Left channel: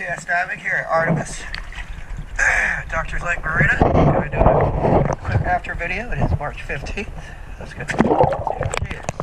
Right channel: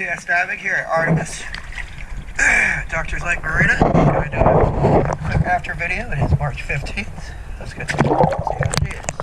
Yes, Dynamic here at Artimus. Doctors like Marina. I'm going to do a quick after video. It is March 15th. Let's get see how she is.